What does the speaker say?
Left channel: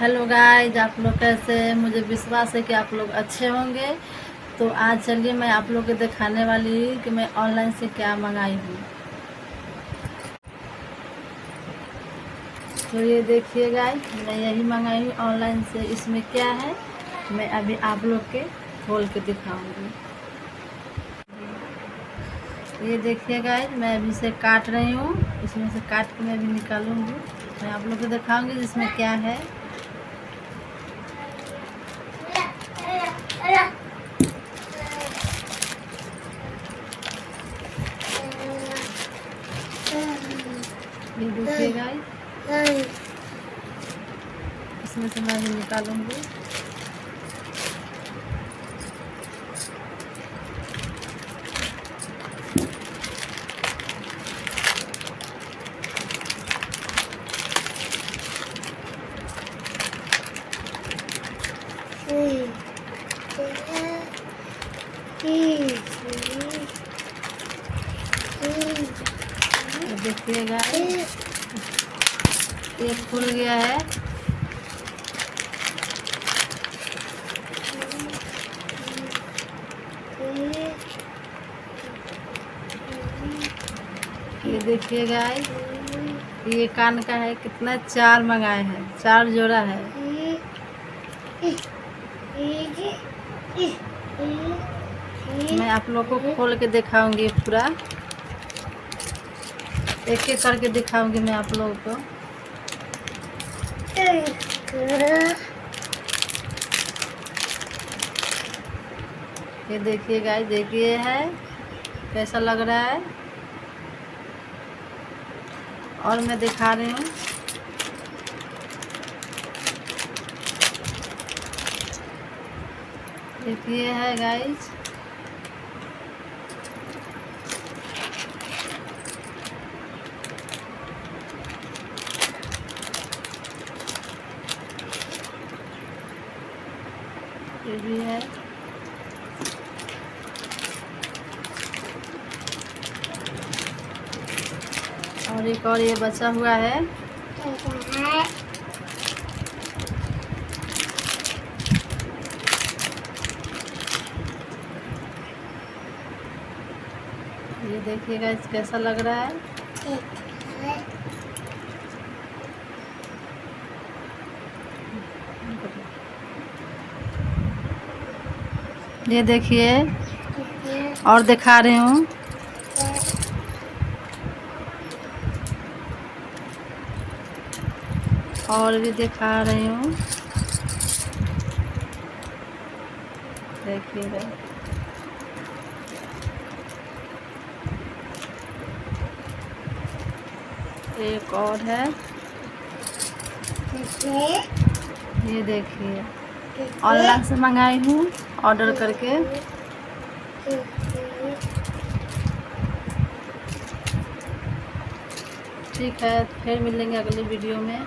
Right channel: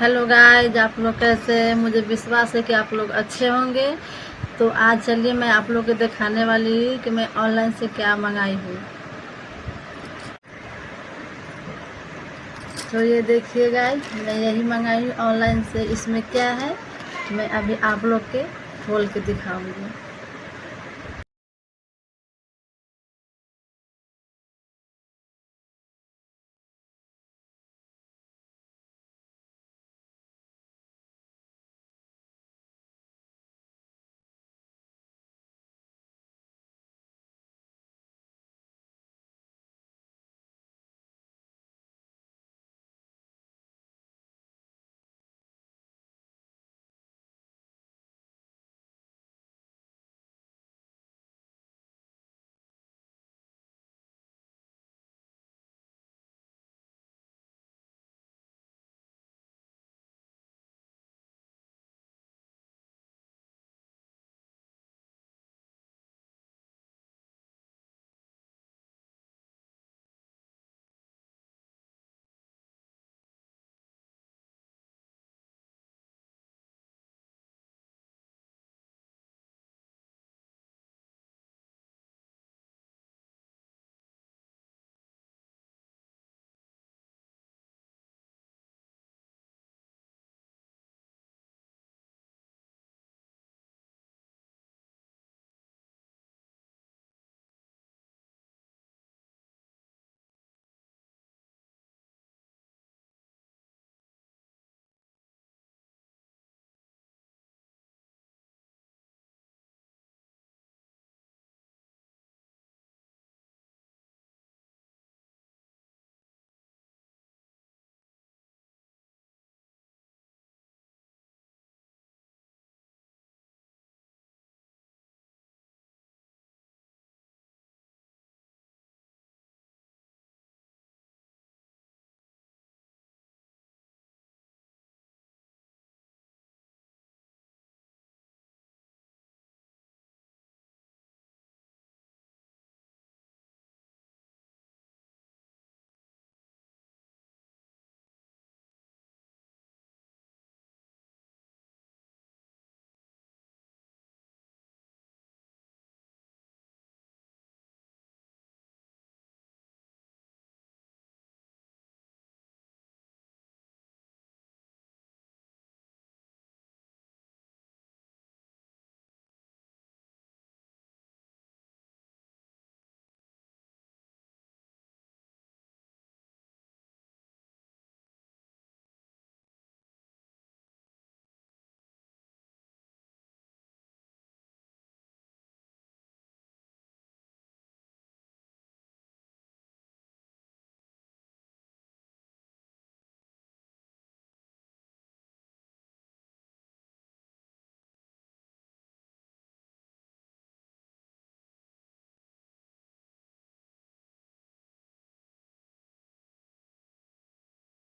Hello guys, आप लोग कैसे हैं? मुझे विश्वास है कि आप लोग अच्छे होंगे। तो आज चलिए मैं आप लोग को दिखाने वाली हूँ कि मैं ऑनलाइन से क्या मंगाई हूँ। तो ये देखिए गाइज, मैं यही मंगाई हूँ ऑनलाइन से। इसमें क्या है मैं अभी आप लोग के खोल के दिखाऊंगी। ये देखिए गाइज, मैं अभी से काट रही हूँ। इसमें से काट के मैं अभी निकालूंगी। मैं आप लोग को दिखाऊंगी जिसमें क्या है। ये देखिए गाइस, इसमें से मैं भी निकालूंगी। देखिए गाइस, ये खुल गया है। ये देखिए गाइस, ये कान का है। कितना 4 मंगाए हैं, 4 जोड़ा है। मैं आप लोग को खोल के दिखाऊंगी पूरा, एक एक करके दिखाऊंगी मैं आप लोगों को। ये देखिए गाइस, देखिए है कैसा लग रहा है। और मैं दिखा रही हूँ। देखिए है गाइस, ये भी है। और एक और ये बचा हुआ है। ये देखिएगा कैसा लग रहा है। ये देखिए, और दिखा रही हूँ। और भी दिखा रही हूँ, देखिएगा। एक और है, ये देखिए। ऑनलाइन से मंगाई हूँ, ऑर्डर करके। ठीक है, फिर मिलेंगे अगले वीडियो में।